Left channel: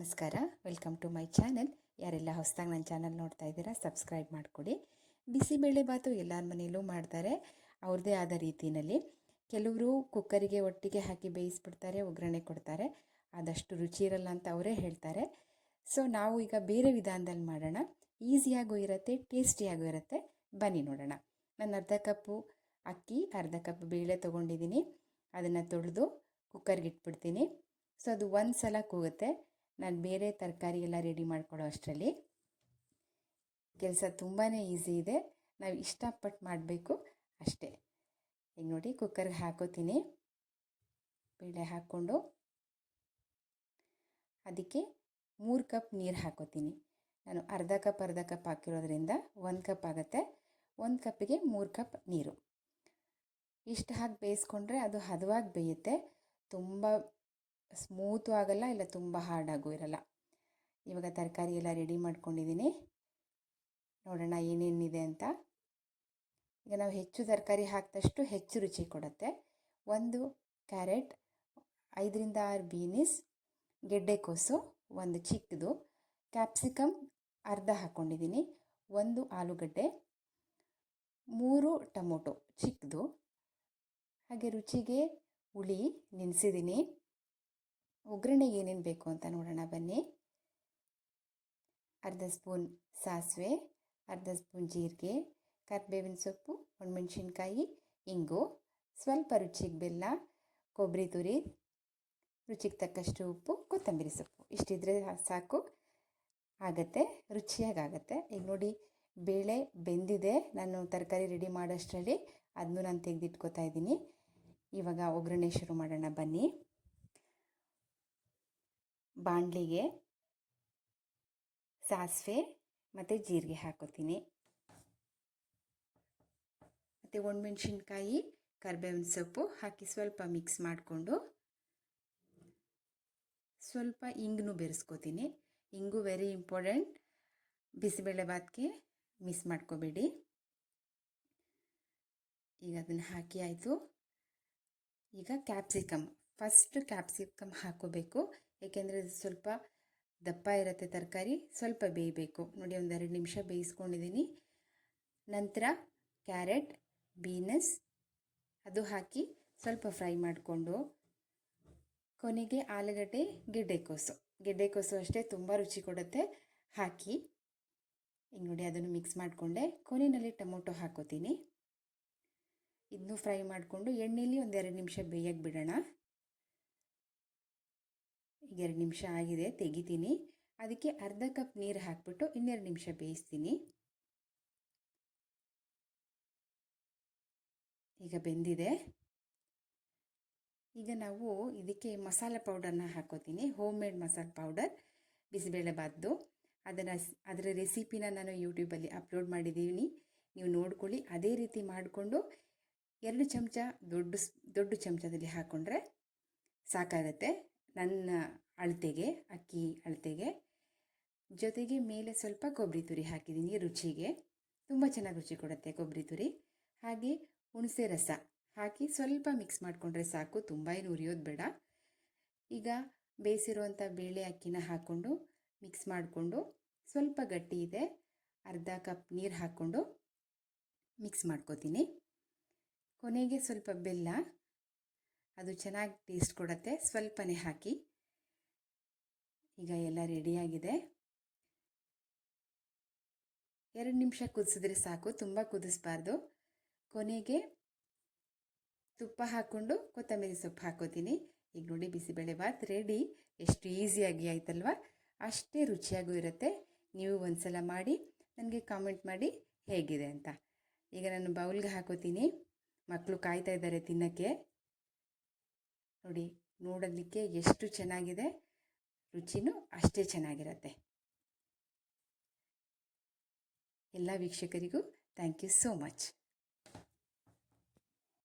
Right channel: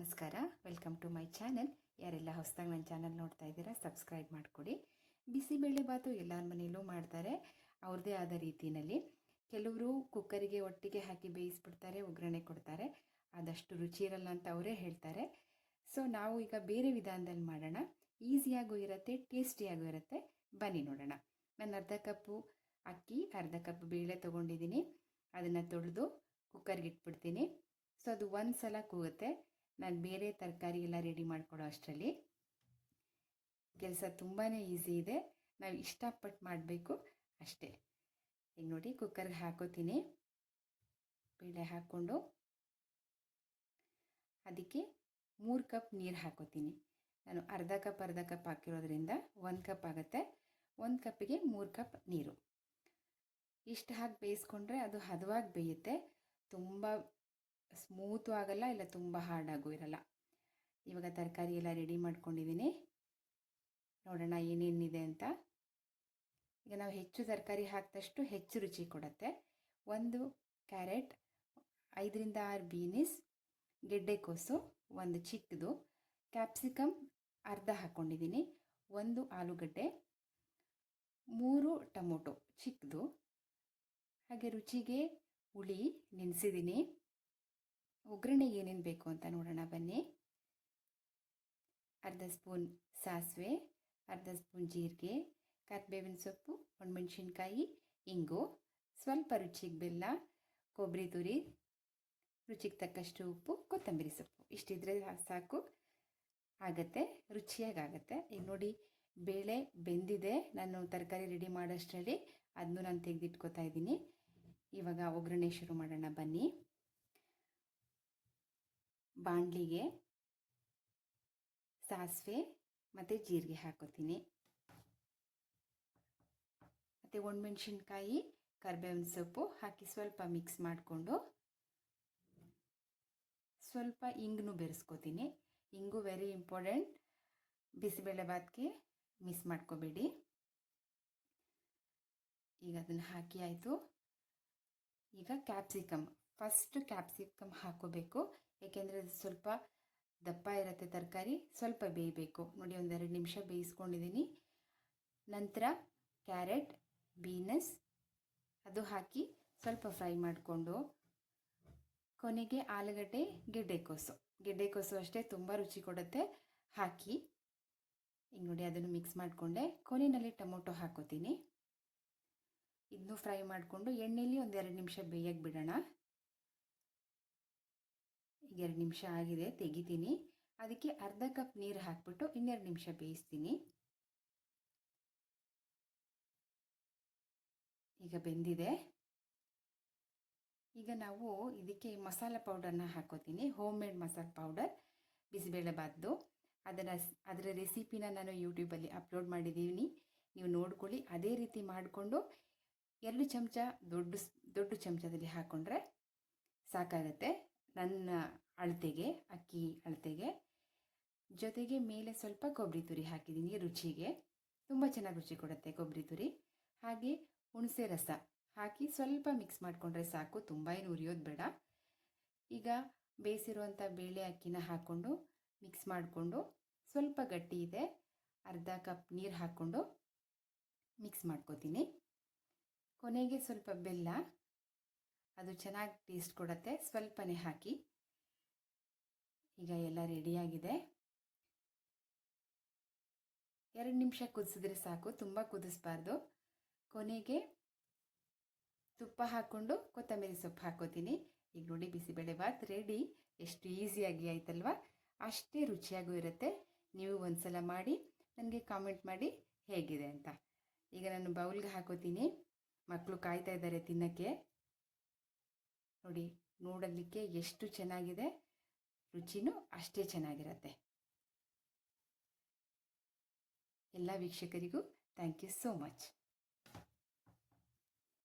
ನಮಸ್ಕಾರ, welcome to my channel. ಯಾರೆಲ್ಲ ಹೊಸದಾಗಿ ನನ್ನ ಚಾನಲ್ ನೋಡ್ತಾ ಇದ್ದೀರಾ ಸಬ್ಸ್ಕ್ರೈಬ್ ಮಾಡಿಕೊಡಿ. ಬಿಸಿಬೇಳೆಬಾತು ಎಲ್ಲರ ಮನೆಯಲ್ಲೂ ಮಾಡ್ತಾರೆ ಅವ್ರದ್ದೇ ಆದ ರೀತಿಯಲ್ಲಿ. ಕೆಲವರು ಕುಕ್ಕರಿಗೆ ಒಟ್ಟಿಗೆ ಹಾಕಿ ಬೇಯಿಸ್ಬಿಡ್ತಾರೆ, ಒಗ್ಗರಣೆ ಕೊಡ್ತಾರೆ. ಆದಷ್ಟು ರುಚಿ ಇರಲ್ಲ ಅಂತ ಅವರೇ ಹೇಳ್ತಾರೆ. ಸೊ ನಾವು ಈಗ ಬೇರೆ ವಿಧಾನದಲ್ಲಿ ಮಾಡೋಣ. ಈಸಿಯಾಗೂ ಇರುತ್ತೆ, ಟೇಸ್ಟಿಯಾಗೂ ಇರುತ್ತೆ. ಬನ್ನಿ ನೋಡೋಣ. ನಾನು ಅರ್ಧ ಕಪ್ಪು ಅಕ್ಕಿ, ಅರ್ಧ ಕಪ್ ಬೇಳೆ ತೊಗೊಂಡಿದ್ದೀನಿ. ಅದನ್ನು ತೊಳೆದು ಕುಕ್ಕರ್ಗೆ ಇಟ್ಬಿಡ್ತೀನಿ. ಸೊ ಅದು ಒಂದು ಸಲ ಕೂಗುತ್ತೆ. ನಾನು ಬೇರೆ ತರಕಾರಿ ಎಲ್ಲ ರೆಡಿ ಮಾಡ್ಕೊಳ್ಳೋ ಅಷ್ಟರಲ್ಲಿ ಕೆಲಸ ತುಂಬಾ ಈಸಿ ಇದೆ. ನಾವು ಇಷ್ಟಪಟ್ಟು ಮಾಡಬೇಕು ಅಷ್ಟೇ. ಈಗ ನೋಡಿ, ಕುಕ್ಕರ್ಗೆ ಹಾಕೋತೀನಿ. ಬೇಳೆ ಹಾಕ್ಕೊಂಡು ಅದಕ್ಕೆ 3 ಕಪ್ ನೀರು ಹಾಕೋತೀನಿ. ನಾನು ಅರ್ಧ ಕಪ್ ಹಾಕಿರೋದ್ರಿಂದ 1 ಕಪ್ ಆಗುತ್ತೆ. 1 ಕಪ್ಪಿಗೆ 3 ಕಪ್ ನೀರು. ಇಷ್ಟು ಹಾಕಿ ಬೇಯಿಸ್ಕೊಂಡ್ರೆ ಅದು ಹದವಾಗಿ ಬೇಯುತ್ತೆ. ತುಂಬ ಸ್ಮೂತು ಆಗಲ್ಲ, ಇಲ್ಲ ತುಂಬ ಹಾರ್ಡಾಗೂ ಇರಲ್ಲ. ಇವಾಗ ತರಕಾರಿ ಎಲ್ಲ ರೆಡಿ ಮಾಡ್ಕೊಂಡಿದ್ದೀನಿ. ನೋಡೋಣ ಏನೇನಿದೆ ಅಂತ. ಈಗ ನಾವು ಹೆಚ್ಚು ತರಕಾರಿ ಹಾಕಿದಷ್ಟು ಹೆಚ್ಚು ರುಚಿ ಕೊಡುತ್ತೆ. 1 ಕ್ಯಾರೆಟ್, 5ರಿಂದ 6 ಬೀನಿಸ್, ಗೆಡ್ಡೆಕೋಸು 1 ಚಿಕ್ಕದು, ಕ್ಯಾಪ್ಸಿಕಮ್ ಅರ್ಧ ಹಾಕ್ಕೊಂಡಿದ್ದೀನಿ, 1 ಆಲೂಗಡ್ಡೆ, 3 ಟೊಮೊಟೊ ಚಿಕ್ಕದು, ಹಾಗೆ ರುಚಿಗೆ ಹುಳಿ ನೆನೆಸಿದ್ದೀನಿ. ಒಗ್ಗರಣೆಗೆ ಏನೇನು ಬೇಕು ಅಂತ ನೋಡೋಣ ಬನ್ನಿ. ಅರ್ಧ ಸ್ಪೂನ್ ಸಾಸಿವೆ, ಅರ್ಧ ಸ್ಪೂನ್ ಜೀರಿಗೆ, ಕರಿಬೇವಿನ ಸೊಪ್ಪು, ಒಣಮೆಣಸಿನ್ಕಾಯಿ, ಇಂಗು, ಸ್ವಲ್ಪ ರುಚಿಗೆ ಬೆಲ್ಲ, ಕೊಬ್ಬರಿ ತುರಿ, ರುಚಿಗೆ ತಕ್ಕಷ್ಟು ಉಪ್ಪು, ಕೊತ್ತಂಬರಿ ಸೊಪ್ಪು. ಇಷ್ಟಿದ್ರೆ ಸಾಕು, ಆಗುತ್ತೆ, ರುಚಿಯಾಗುತ್ತೆ. ಈಗ ನೋಡಿ, ಬೇಳೆ ಬೆಂದಿದೆ. ನಾನು ತರಕಾರಿ ರೆಡಿ ಮಾಡೋಷ್ಟರಲ್ಲಿ ಅದನ್ನು ನಾನು ತೆಗೆದಿಟ್ಕೋತಾ ಇದ್ದೀನಿ. ಇವಾಗ ಒಗ್ಗರಣೆ ಶುರು ಮಾಡೋಣ ಬನ್ನಿ. ಬಾಣಲಿಗೆ ಸಾಸಿವೆ ಮತ್ತು ಜೀರಿಗೆ ಹಾಕೋತೀನಿ. ಮತ್ತು ಒಣಮೆಣಸಿನ್ಕಾಯಿ, ಕರಿಬೇವಿನ ಸೊಪ್ಪು ಹಾಕಿ ಸ್ವಲ್ಪ ಮಿಕ್ಸ್ ಮಾಡಿಕೊಂಡು ಸ್ವಲ್ಪ ಇಂಗನ್ನು ಬೆರೆಸ್ಕೋತೀನಿ. ಇಂಗು ವೆರಿ ಇಂಪಾರ್ಟೆಂಟ್, ಬಿಸಿಬೇಳೆಬಾತ್ಗೆ ಮಿಸ್ ಮಾಡ್ಕೋಬೇಡಿ. ಈಗ ಅದನ್ನು ಹಾಕಿ ಆಯಿತು. ಈಗ ಫಸ್ಟ್ ಕ್ಯಾಪ್ಸಿಕಮ್ ಹಾಕೋಬೇಕು. ಏಕೆಂದರೆ ಅದು ಸ್ವಲ್ಪ ದಪ್ಪ ಇರುತ್ತೆ ತರಕಾರಿ, ಸ್ವಲ್ಪ ಬೇಯಬೇಕು. ನೋಡಿ, 1-2 ನಿಮಿಷ ಬೇಯಿಸ್ಕೊಂಡಿದ್ದೀನಿ. ನಂತರ ಕ್ಯಾರೆಟ್, ಬೀನಸ್ ಅದು ಹಾಕಿ ಸ್ವಲ್ಪ ಫ್ರೈ ಮಾಡಿಕೊಂಡು ಕೊನೆಗೆ ಆಲೂಗಡ್ಡೆ, ಗೆಡ್ಡೆಕೋಸು ಅಷ್ಟೇ ತುಂಬ ರುಚಿ ಕೊಡುತ್ತೆ, ಹಾಕಿ. ಈಗ ನೋಡಿ, ಅದನ್ನು ಮಿಕ್ಸ್ ಮಾಡಿಕೊಂಡೆ. ಕೊನೆಯಲ್ಲಿ ಟೊಮೊಟೊ ಹಾಕೋತೀನಿ. ಇದನ್ನು ಫ್ರೈ ಮಾಡಿಕೊಂಡು ಎಣ್ಣೆಯಲ್ಲಿ 1-2 ನಿಮಿಷ ಬೇಯಕ್ಕೆ ಬಿಡೋಣ. ಈಗ 2 ನಿಮಿಷ ಆಗಿದೆ, ತೆಗಿತೀನಿ. ಅದಕ್ಕೆ ಅರ್ಧ ಕಪ್ ನೀರು ಹಾಕ್ಬಿಟ್ಟು 2 ನಿಮಿಷ ಬೇಯಿಸ್ತೀನಿ. ಈಗ ಬೆಂದಿದೆ. ಈಗ ನಾವು ಇದಕ್ಕೆ ಮಸಾಲೆ ಪೌಡರ್ನ ಹಾಕೋತೀನಿ. ಹೋಮ್ ಮೇಡ್ ಮಸಾಲೆ ಪೌಡರ್, ಬಿಸಿಬೇಳೆಬಾತ್ದು. ಅದರ ರೆಸಿಪಿನ ನಾನು ಯೂಟ್ಯೂಬಲ್ಲಿ ಅಪ್ಲೋಡ್ ಮಾಡಿದ್ದೀನಿ, ನೀವು ನೋಡ್ಕೊಳ್ಳಿ. ಅದೇ ರೀತಿ ಮಾಡಿಕೊಂಡು 2 ಚಮಚ ದೊಡ್ಡ ಚಮಚದಲ್ಲಿ ಹಾಕ್ಕೊಂಡ್ರೆ ಸಾಕಾಗತ್ತೆ, ನನ್ನ ಅಳತೆಗೆ, ಅಕ್ಕಿ ಅಳತೆಗೆ. ಜೊತೆಗೆ ಮೇಲೆ ಸ್ವಲ್ಪ ಕೊಬ್ಬರಿ ತುರಿ ಹಾಕಿದ್ದೀನಿ ರುಚಿಗೆ, ತುಂಬ ಚೆನ್ನಾಗಿ ರುಚಿ ಕೊಡುತ್ತೆ ಕೊಬ್ಬರಿ ತುರಿ. ಹಾಗೆ ಹುಣಸೆ ರಸ ಹಾಕಿ ಸ್ವಲ್ಪ ಮಿಕ್ಸ್ ಮಾಡಿಕೊಂಡ್ರೆ ಸಾಕು, ತುಂಬ ಏನು ಉರಿಯೋದು ಬೇಡ. ಈಗ ಬೇಯಿಸಿರುವಂಥ ಬೇಳೆ ಅಕ್ಕಿನ ಹಾಕ್ಕೊಂಡು ಮಿಕ್ಸ್ ಮಾಡಿಕೊಂಡು, ಸ್ವಲ್ಪ ಗಟ್ಟಿ ಇದೆ, ಅರ್ಧ ಕಪ್ ನೀರು ಹಾಕ್ಕೊಂಡು ಮಿಕ್ಸ್ ಮಾಡ್ಕೋತೀನಿ. ಕೊನೆಗೆ ಸ್ವಲ್ಪ ಬೆಲ್ಲ, ಅದು ಚೆನ್ನಾಗಿ ಟೇಸ್ಟ್ ಕೊಡುತ್ತೆ, ಸ್ವಲ್ಪನೇ ಹಾಕಿ. ಈಗ ಎಲ್ಲ ರೆಡಿಯಾಗಿದೆ. 2 ನಿಮಿಷ ಕುದಿಸಿದ್ರೆ ಸಾಕು, ತುಂಬ ಕುದಿಸ್ಬಾರ್ದು. ಕೊನೆಗೆ ತುಪ್ಪ ಹಾಕ್ಕೊಂಡು ಕೊತ್ತಂಬರಿ ಸೊಪ್ಪು ಹಾಕೋತೀನಿ. ಈಗ ನೋಡಿ, ಬಿಸಿಬೇಳೆಬಾತ್ ರೆಡಿ. ಎಷ್ಟು ಈಸಿಯಾಗಿ ಆಯ್ತಲ್ವ? ಅಷ್ಟೇ ರುಚಿಯಾಗೂ ಇರುತ್ತೆ. ನೀವು ಒಂದ್ಸಲ ಮಾಡಿ ನನಗೆ ಕಾಮೆಂಟ್ ಮಾಡಿ ಹೇಗಿದೆ ಅಂತ. ಈಗ ನಾನು ಬೌಲ್ಗೆ ಹಾಕೋತೀನಿ. ಮಕ್ಕಳು ಕಾಯ್ತಾ ಇದ್ದಾರೆ ತಿನ್ನೋಕ್ಕೆ. ನೋಡಿ, ನೋಡೋದಕ್ಕೆ ಎಷ್ಟು ಚೆನ್ನಾಗಿದೆ, ರುಚಿನೂ ಅಷ್ಟೇ ಚೆನ್ನಾಗಿರುತ್ತೆ. ಎಲ್ಲ ವೀಕ್ಷಕರಿಗೂ ಥ್ಯಾಂಕ್ ಯು ಸೋ ಮಚ್.